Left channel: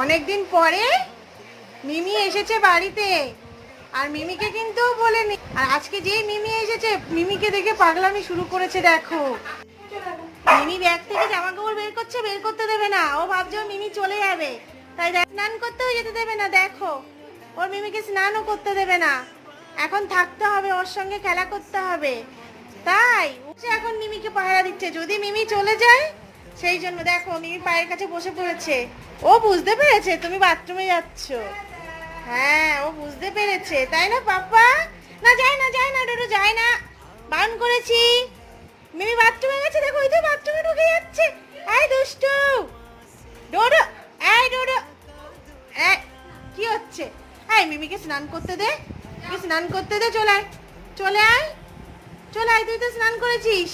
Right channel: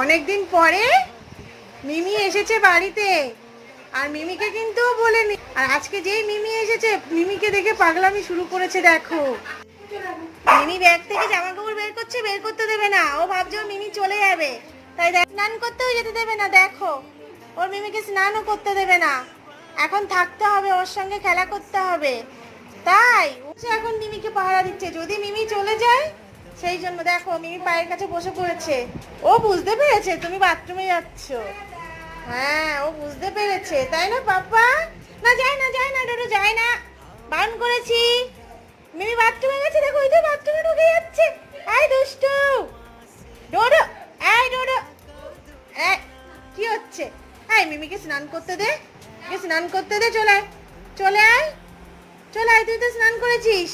অনেকদিন পরে মিমি এসেছে বাড়িতে, আর মিমিকে কিন্তু বলেনি। আর আজকে যেই মিমি এসেছে, মিমিকে দেখে পাগলামি শুরু করেছে। দেখো মিমি ব্যাগ থেকে জামা কাপড় বের করছে, বের করতে দেবে না। ও ভাবছে ওর মিমি চলে যাবে, তাই স্নান করতেও যেতে দেবে না। দেখো ওর মিমিকে স্নানও করতে দেবে না, এখন থাকতে হবে, ওর সঙ্গে খেলা করতে হবে। তাই সে এখন মিমিকে পাহারা দিচ্ছে, যদি মিমি চলে যায়। সেই জন্য দেখো মিমি পায়ের কাছে বসে পড়েছে। ও বুঝতে পেরেছে তুমি বাথরুমে যাচ্ছ। হ্যাঁ ও বুঝতে পেরেছে, তাই না পাপা? না যায় না, যায় না ডোডো, যায় না, বারণ করেছি। মিমি বাথরুমে গেছে, দেখো ওই তো বাথরুমে ঢুকে যাচ্ছে। আয় দুষ্টু ডোডো, আয় ডোডো। এই কি হচ্ছে? আয় মিমিকে স্নান করতে দে, স্নান করতে দে। চলে আয়, চলে আয়, চলে আয়, তুই তো স্নান করেছিস।